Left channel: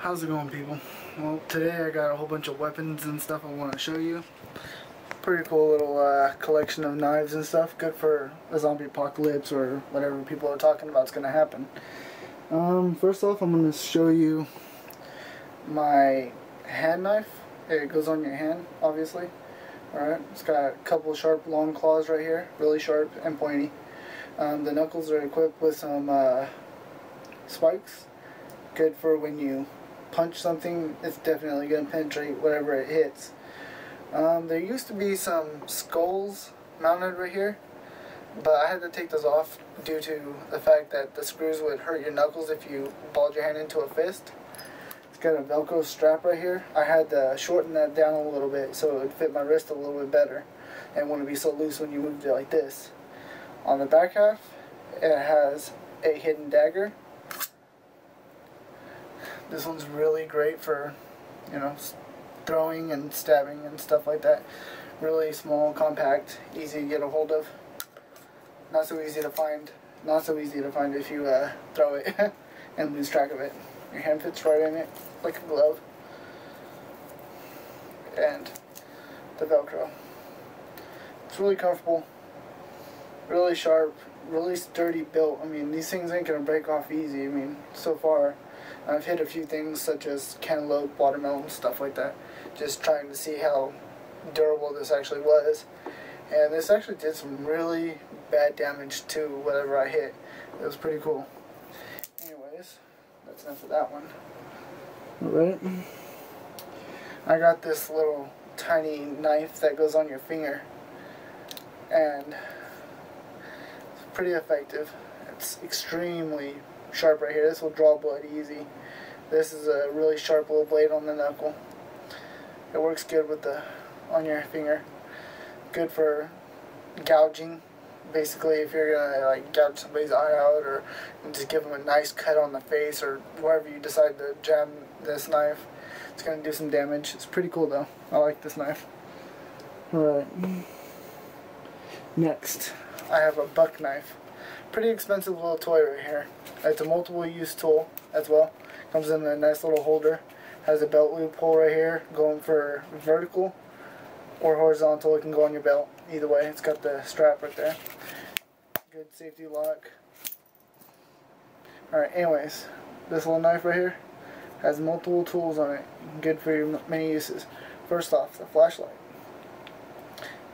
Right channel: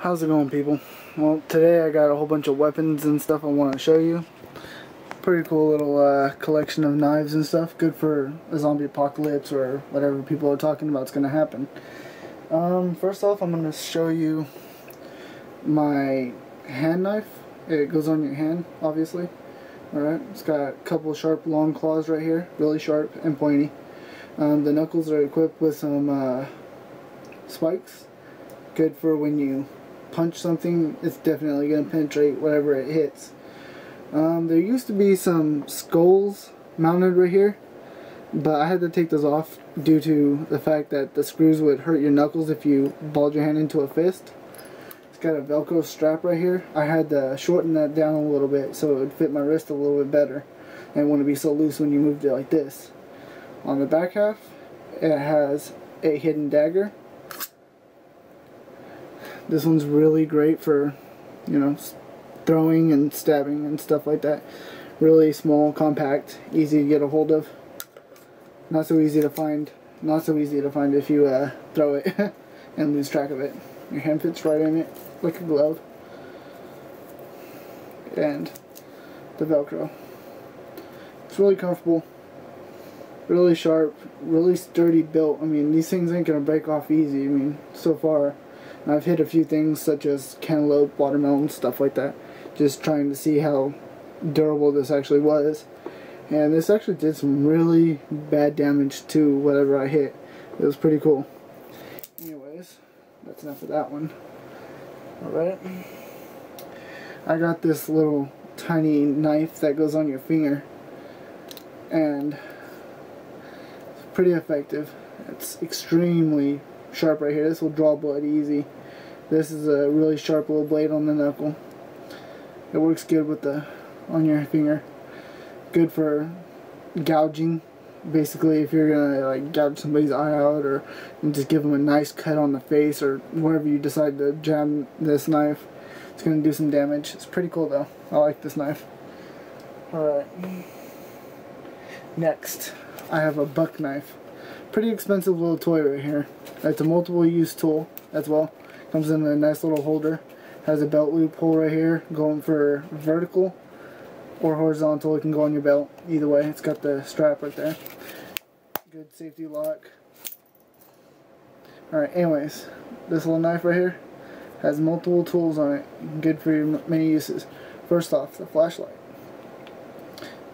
How's it going, people? Well, today I got a whole bunch of weapons and stuff I want to show you. Pretty cool little collection of knives and stuff. Good for a zombie apocalypse or whatever people are talking about is going to happen. First off, I'm going to show you my hand knife. It goes on your hand, obviously. Alright, it's got a couple sharp long claws right here. Really sharp and pointy. The knuckles are equipped with some spikes. Good for when you punch something, it's definitely going to penetrate whatever it hits. There used to be some skulls mounted right here, but I had to take those off due to the fact that the screws would hurt your knuckles if you balled your hand into a fist. It's got a Velcro strap right here. I had to shorten that down a little bit so it would fit my wrist a little bit better and it wouldn't be so loose when you moved it like this. On the back half, it has a hidden dagger. This one's really great for, you know, throwing and stabbing and stuff like that. Really small, compact, easy to get a hold of. Not so easy to find. Not so easy to find if you throw it and lose track of it. Your hand fits right in it like a glove. And the Velcro. It's really comfortable. Really sharp. Really sturdy built. I mean, these things ain't gonna break off easy. I mean, so far. I've hit a few things such as cantaloupe, watermelon, stuff like that, just trying to see how durable this actually was. And this actually did some really bad damage to whatever I hit. It was pretty cool. Anyways, that's enough of that one. Alright. I got this little tiny knife that goes on your finger. And it's pretty effective. It's extremely sharp right here. This will draw blood easy. This is a really sharp little blade on the knuckle. It works good with the on your finger. Good for gouging. Basically, if you're gonna like gouge somebody's eye out, or just give them a nice cut on the face, or wherever you decide to jam this knife, it's gonna do some damage. It's pretty cool though. I like this knife. Alright. Next, I have a buck knife. Pretty expensive little toy right here. It's a multiple use tool as well. Comes in a nice little holder. Has a belt loop hole right here going for vertical or horizontal. It can go on your belt. Either way, it's got the strap right there. Good safety lock. Alright, anyways, this little knife right here has multiple tools on it. Good for your many uses. First off, the flashlight.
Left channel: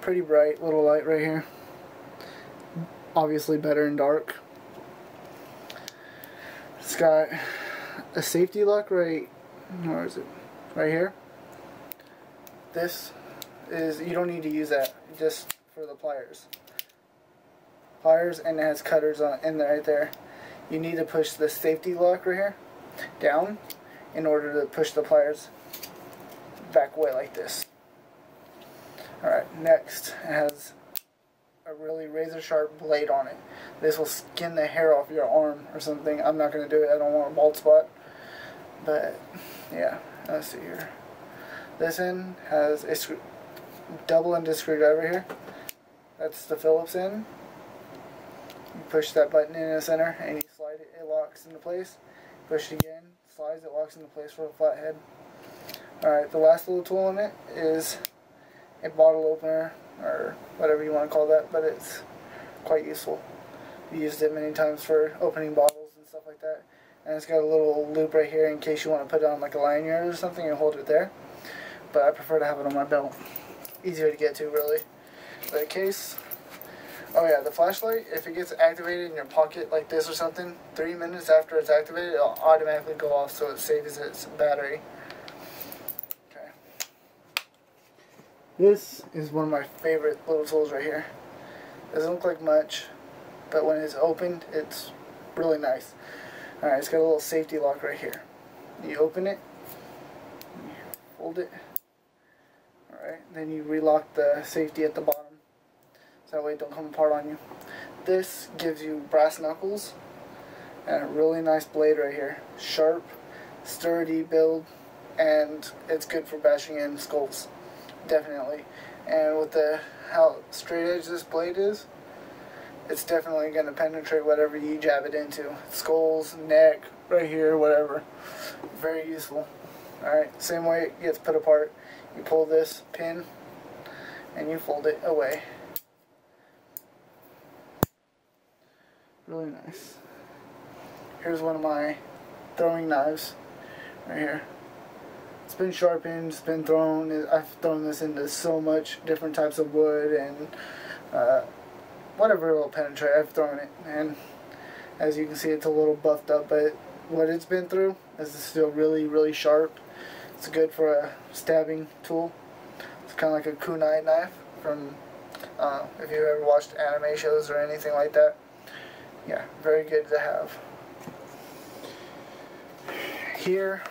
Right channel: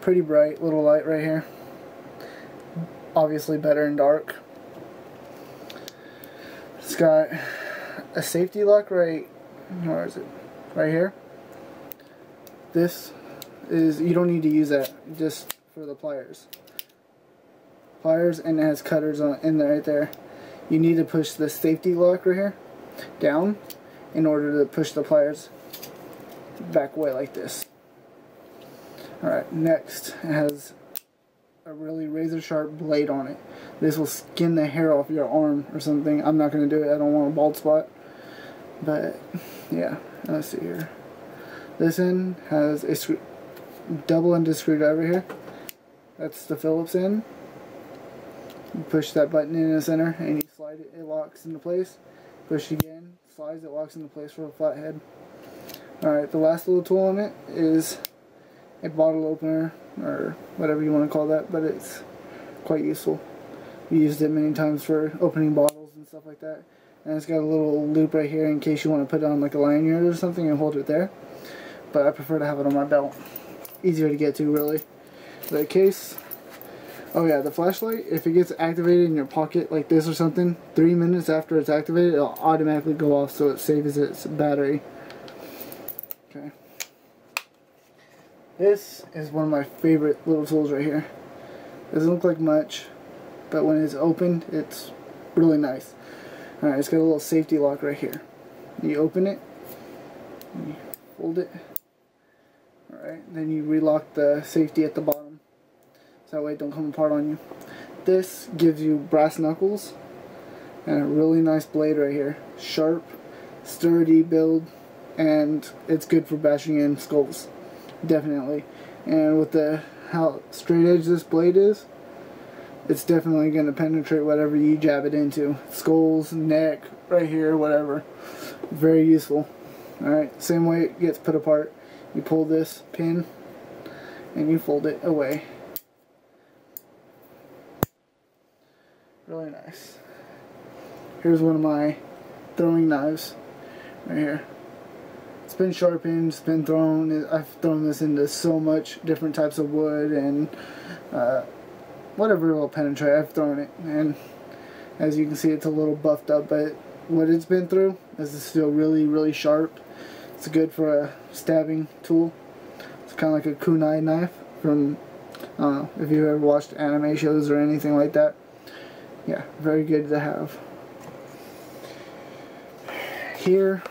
Pretty bright little light right here. Obviously better in dark. It's got a safety lock right, where is it? Right here. This is, you don't need to use that, just for the pliers. Pliers, and it has cutters on in there right there. You need to push the safety lock right here down in order to push the pliers back away like this. Alright, next it has a really razor sharp blade on it. This will skin the hair off your arm or something. I'm not going to do it. I don't want a bald spot. But yeah, let's see here. This end has a double-ended screwdriver here. That's the Phillips end. You push that button in the center and you slide it. It locks into place. Push it again, slides, it locks into place for a flathead. Alright, the last little tool on it is a bottle opener, or whatever you want to call that, but it's quite useful. We used it many times for opening bottles and stuff like that. And it's got a little loop right here in case you want to put it on like a lanyard or something and hold it there. But I prefer to have it on my belt. Easier to get to, really. The case. Oh yeah, the flashlight, if it gets activated in your pocket like this or something, 3 minutes after it's activated, it'll automatically go off so it saves its battery. Okay. This is one of my favorite little tools right here. Doesn't look like much, but when it's opened, it's really nice. Alright, it's got a little safety lock right here. You open it, you hold it, alright, then you relock the safety at the bottom, so that way it don't come apart on you. This gives you brass knuckles, and a really nice blade right here. Sharp, sturdy build, and it's good for bashing in skulls. Definitely. And with how straight edge this blade is, it's definitely going to penetrate whatever you jab it into. Skulls, neck, right here, whatever. Very useful. Alright, same way it gets put apart. You pull this pin and you fold it away. Really nice. Here's one of my throwing knives right here. It's been sharpened, it's been thrown. I've thrown this into so much different types of wood and whatever will penetrate, I've thrown it. And as you can see, it's a little buffed up, but what it's been through is still really, really sharp. It's good for a stabbing tool. It's kind of like a kunai knife from, if you've ever watched anime shows or anything like that. Yeah, very good to have. Here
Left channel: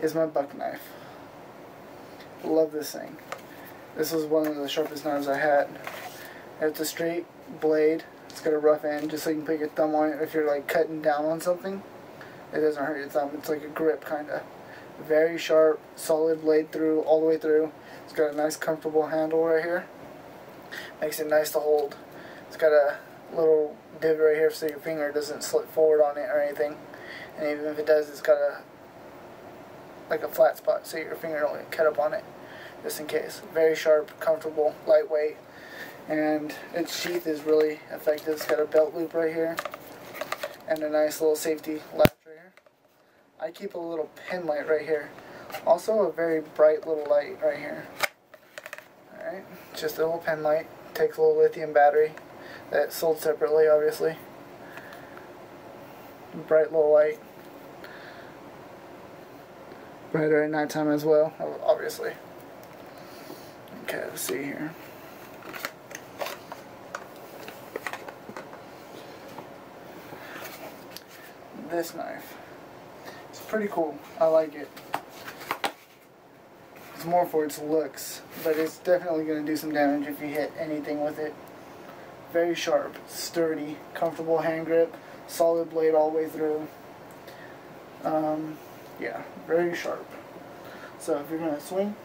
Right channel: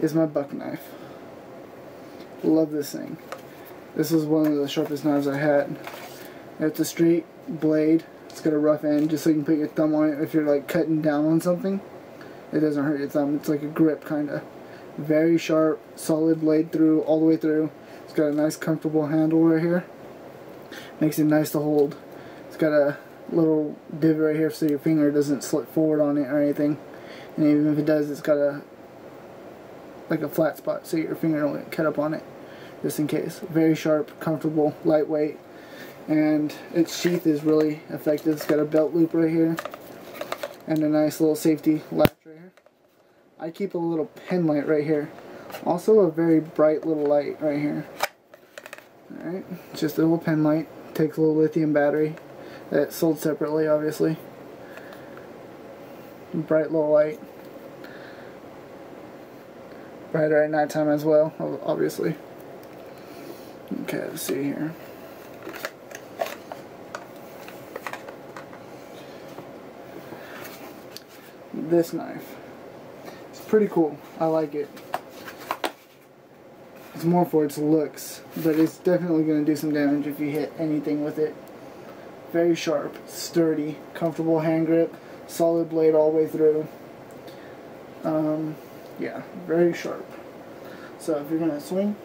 is my buck knife. Love this thing. This was one of the sharpest knives I had. It's a straight blade. It's got a rough end just so you can put your thumb on it if you're like cutting down on something. It doesn't hurt your thumb. It's like a grip kinda. Very sharp, solid blade through, all the way through. It's got a nice comfortable handle right here. Makes it nice to hold. It's got a little divot right here so your finger doesn't slip forward on it or anything. And even if it does, it's got a like a flat spot so your finger don't get cut up on it, just in case. Very sharp, comfortable, lightweight, and its sheath is really effective. It's got a belt loop right here and a nice little safety latch right here. I keep a little pen light right here. Also a very bright little light right here. Alright, just a little pen light. Takes a little lithium battery that's sold separately, obviously. Bright little light. Brighter at nighttime as well, obviously. Okay, let's see here. This knife. It's pretty cool. I like it. It's more for its looks, but it's definitely going to do some damage if you hit anything with it. Very sharp, sturdy, comfortable hand grip, solid blade all the way through. Yeah, very sharp. So if you're going to swing,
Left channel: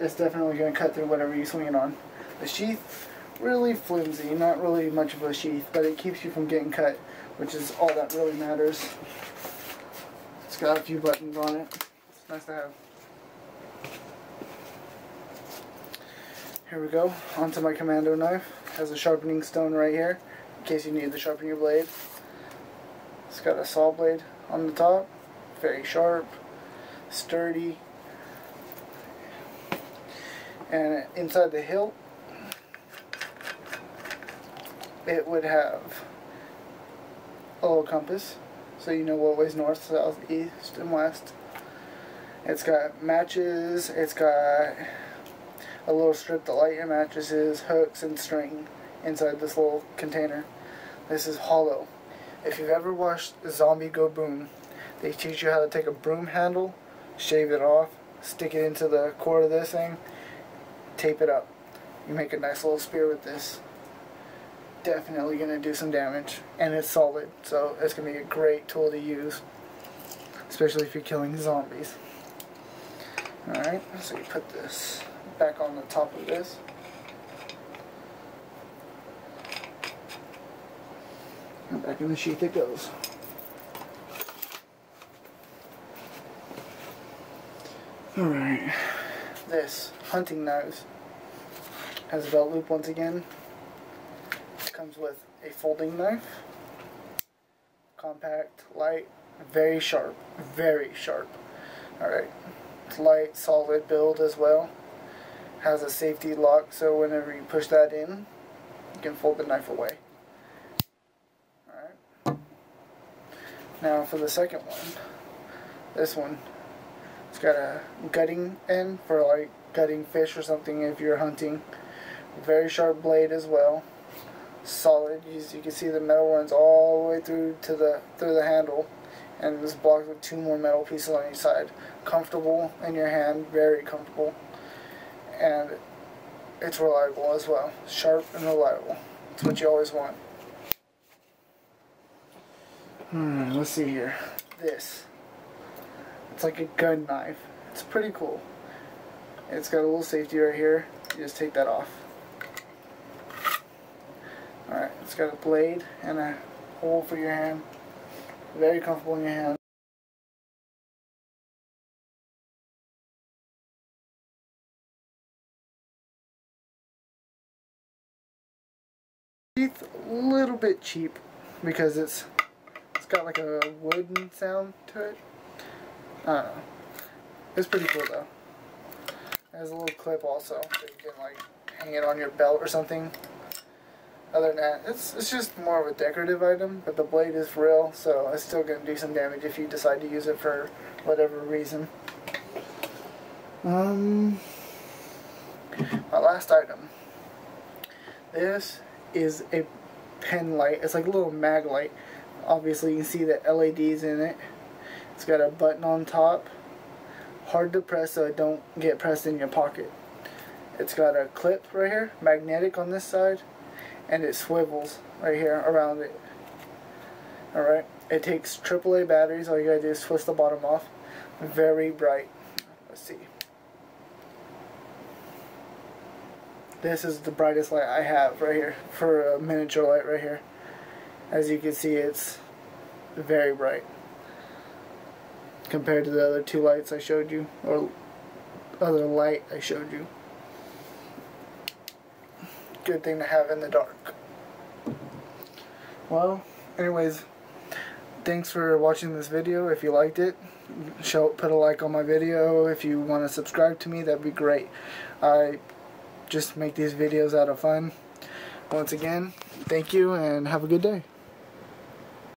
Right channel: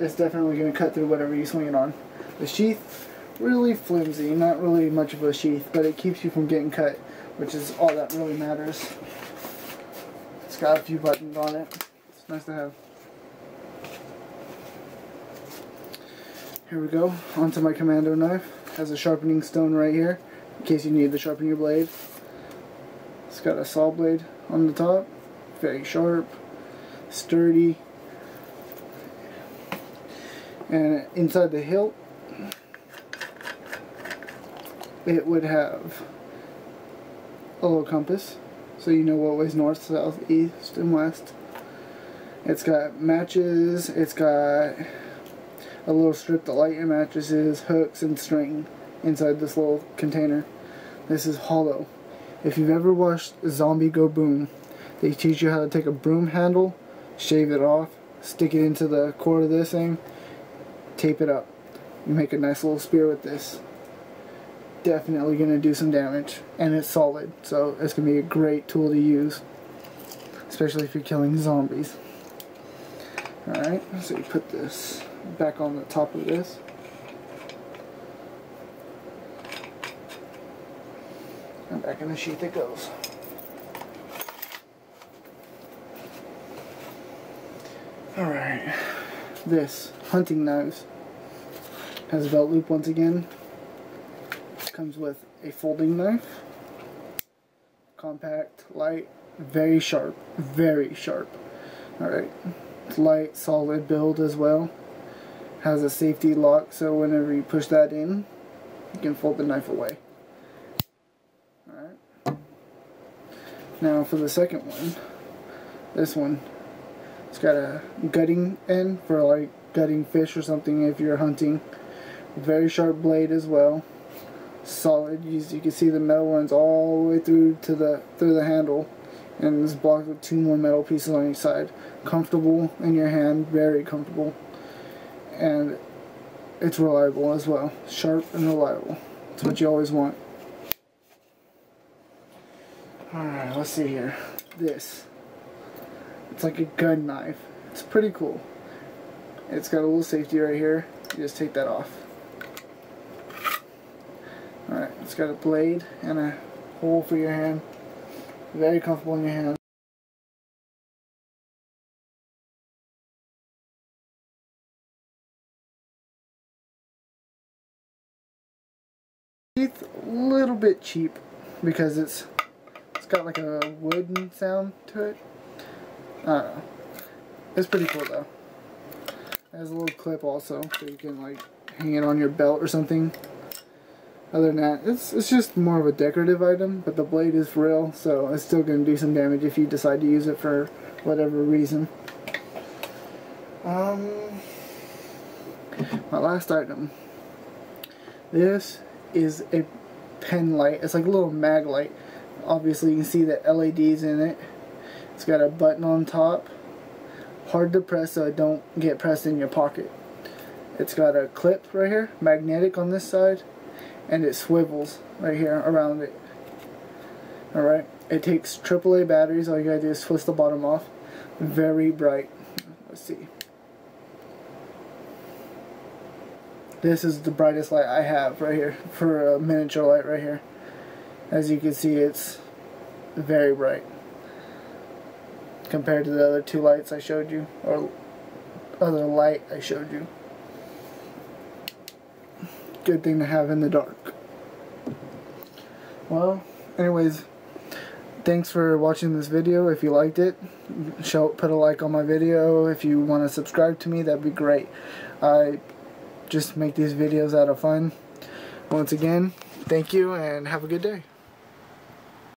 it's definitely going to cut through whatever you swing it on. The sheath, really flimsy, not really much of a sheath, but it keeps you from getting cut, which is all that really matters. It's got a few buttons on it. It's nice to have. Here we go, onto my commando knife. It has a sharpening stone right here, in case you need to sharpen your blade. It's got a saw blade on the top. Very sharp, sturdy, and inside the hilt it would have a little compass so you know what way's north, south, east, and west. It's got matches, it's got a little strip to light your mattresses, hooks, and string inside this little container. This is hollow. If you've ever watched Zombie Go Boom, they teach you how to take a broom handle, shave it off, stick it into the core of this thing, tape it up. You make a nice little spear with this. Definitely going to do some damage, and it's solid, so it's going to be a great tool to use, especially if you're killing zombies. Alright, so you put this back on the top of this. And back in the sheath it goes. Alright, this hunting knives has a belt loop once again. Comes with a folding knife, compact, light, very sharp, very sharp. Alright, it's light, solid build as well. Has a safety lock, so whenever you push that in, you can fold the knife away. Alright, now for the second one, this one. It's got a gutting end for like gutting fish or something if you're hunting. Very sharp blade as well. Solid. You can see the metal runs all the way through to the handle, and it's blocked with 2 more metal pieces on each side. Comfortable in your hand, very comfortable, and it's reliable as well. Sharp and reliable. It's what you always want. Alright, let's see here. This. It's like a gun knife. It's pretty cool. It's got a little safety right here. You just take that off. Alright, it's got a blade and a hole for your hand. Very comfortable in your hand. bit cheap because it's got like a wooden sound to it. I don't know. It's pretty cool though. It has a little clip also, so you can like hang it on your belt or something. Other than that, it's just more of a decorative item, but the blade is real, so it's still going to do some damage if you decide to use it for whatever reason. My last item. This is a pen light. It's like a little mag light. Obviously you can see the LEDs in it. It's got a button on top. Hard to press so it don't get pressed in your pocket. It's got a clip right here, magnetic on this side, and it swivels right here around it. Alright, it takes AAA batteries. All you gotta do is twist the bottom off. Very bright. Let's see. This is the brightest light I have right here for a miniature light right here. As you can see, it's very bright compared to the other two lights I showed you, or other light I showed you. Good thing to have in the dark. Well, anyways, thanks for watching this video. If you liked it, put a like on my video. If you want to subscribe to me, that'd be great. I just make these videos out of fun. Once again, thank you and have a good day.